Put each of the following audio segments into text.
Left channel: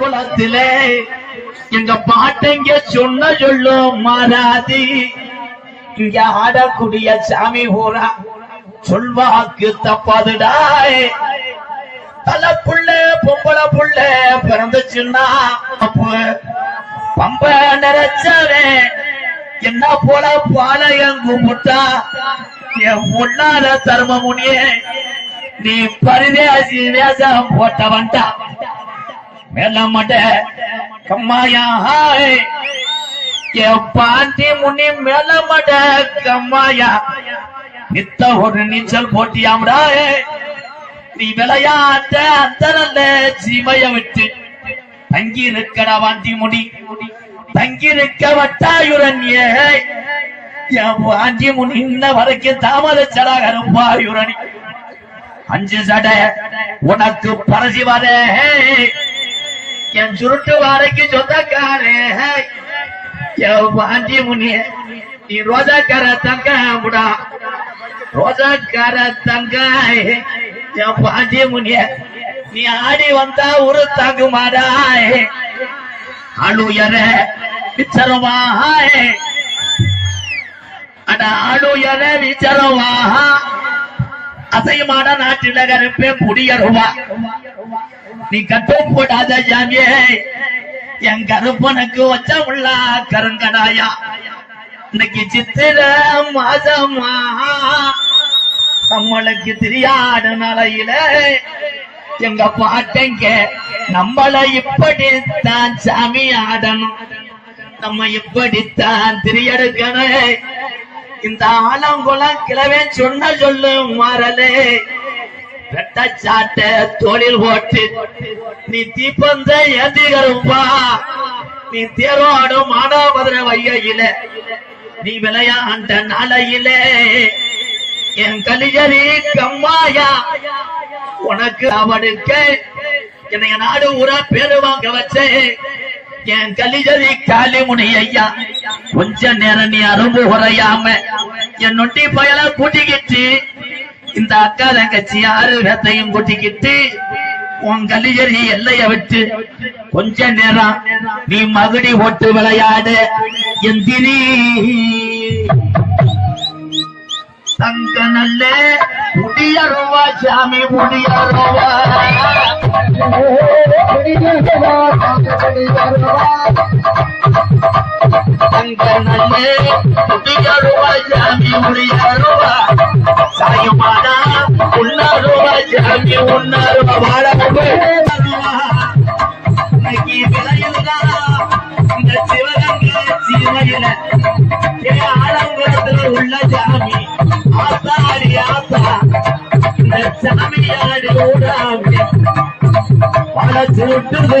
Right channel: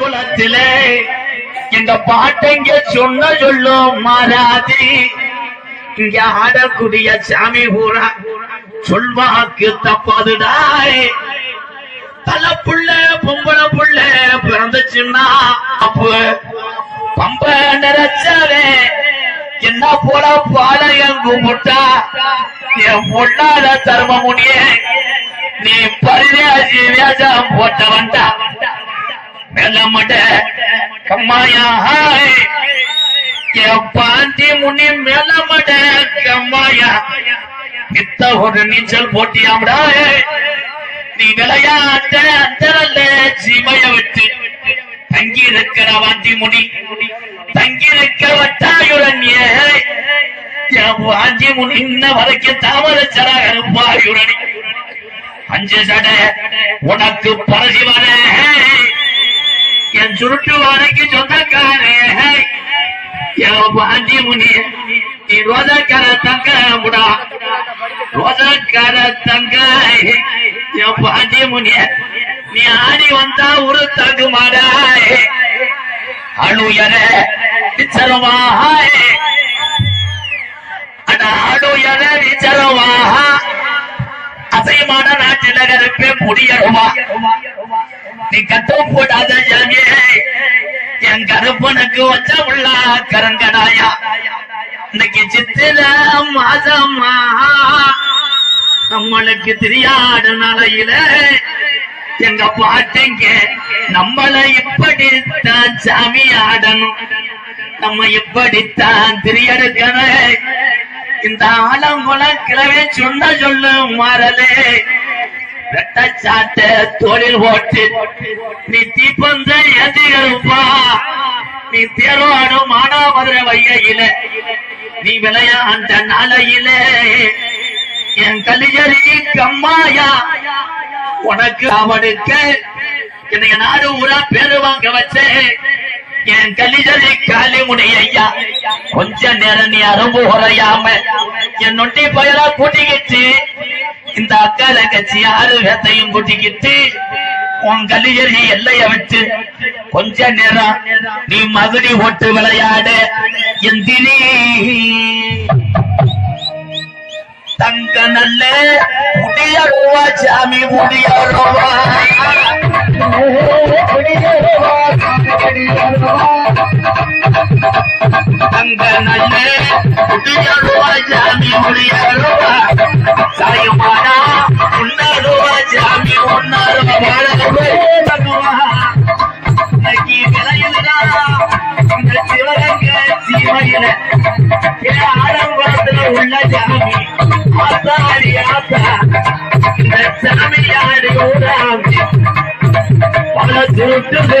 குலத்திலே இந்த பாட்டைங்க சொன்ன சொல்லும் மாறாதி இங்க ஆடக்கூடிய சாமி பூரா சொல்வாக்கு தப்பாதுடாய். பல புள்ள பொம்பளை புள்ள பிறந்துச்சுன்னா அப்ப பம்ப நிறைச்சாவே என்ன போல பாளையம் கும்பிட்டா என் பொண்ணால தர்ம முனிய நீ பரிதேசி வேஷம் போட்டவன்டா. மேலமட கம்மாயா பாண்டி முனி மேலமட கம்மாயா. நித்த ஒரு நீச்சல் போட்டியாம்டா. நீ விளையாட்ட அந்தரல்ல ஜிமைய விட்டு. தங்கி இருக்கிற வாண்டி முனி. தங்கி இருக்க வட்டாயுரண்யே. என் வாண்டி முனி இன்ன வரைக்கும் தாமதச்சடா இருப்பாயுரணி அஞ்சு சடை உனக்கு பரசி வர. என் சுருட்டு வாரைக்கு சொந்தக்காரே என் பாஞ்சி முனி நீ ரோஜாக்கார தங்க முடா ரோஜாக்கார தங்க என் பாண்டிய முனிய நீ ஆடி வந்தா ஒரு தங்கு மாடாய் அழுயர விச்சரவாய் அட அழுயர விச்சரவாக அசையமான முடியருவா நீ கட்டம் போடாத ஜாமியே என் கருப்பனுக்கு வச்ச உள்ள கரங்கடாயா. இன்னைக்கு சித்திர மாதமா. நம்மளுக்கு தெரியாத நாளையில எங்க பாட்டங்க நம்மள இப்படித்தான் சாமி ஆடணும். நம்ம இப்படித்தான் திரியெடுக்கணும் இந்த ஆலங்குளம் கிழவே சொன்ன சொல்லு மாறலே. வெட்டச்சாட்ட தொழில் ஓட்டு. நீ தீப்பந்த ஏந்திகருப்பா நீ தேரோடும் மானாபதிர வையில நீ விளையாண்ட நாளையில. என் கலியரி கம்மாயா உனக்கு அவனுக்க என்னைய நாடு ஊரா பேரு வாங்க வச்சே. என் கலிஜரி காளிமுனி ஐயா கொஞ்ச நேரம் நீ அரும்பு உரையாம என் நொட்டி பயலா கூட்டிக்கிட்டு இந்த அக்கா தங்கச்சி ஆறு வேத்தையும் கூட்டிக்கிட்டு உன் கலிஜரி எல்லைய விட்டு கொஞ்ச நேரம் நீ மகுடி ஓட்டு விளையாடு எந்தினி தங்க நல்ல முடியருவா சாமி முடியருவா தங்க நல்ல முடியருவா சாமி முடியருவா சாயமானா உன்னருவா சாமி உன்னருவா வாழருவா இன்னைக்கு விளையுதுடா இந்த சிவகங்க சீமையில ஏ ஆலங்குளத்துல உள்ள சாமி ஆத்தாடி ஆத்தா இந்த சாமியாடி ஊராமி பல சுருட்டுது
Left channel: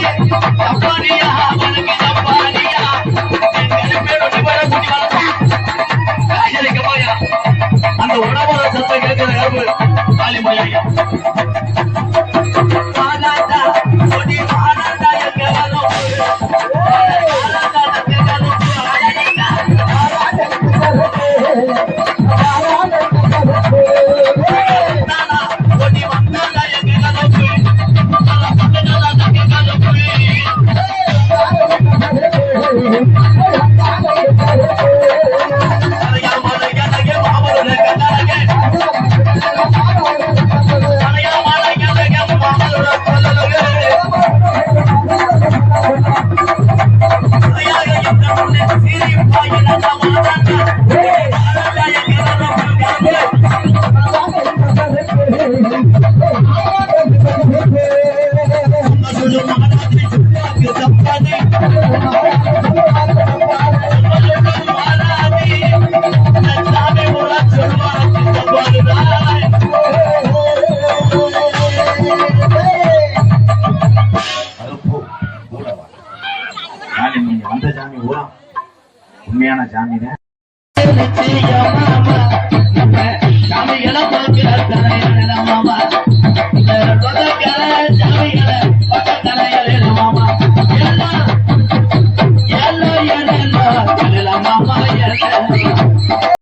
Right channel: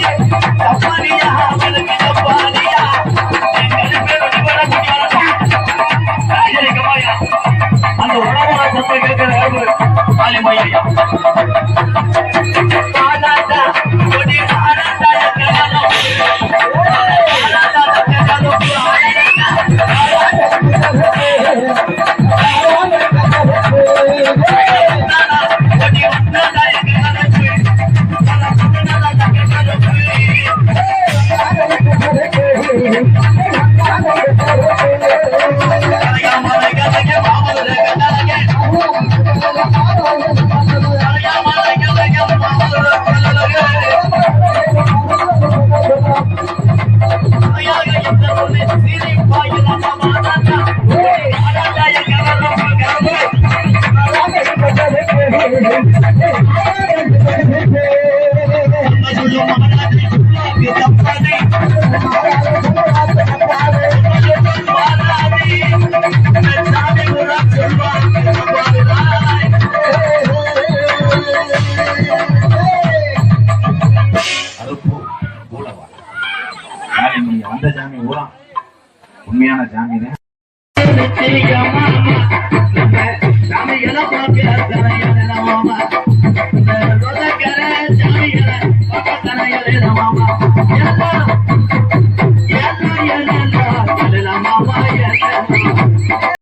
Thank you. சாமி நீங்க வந்த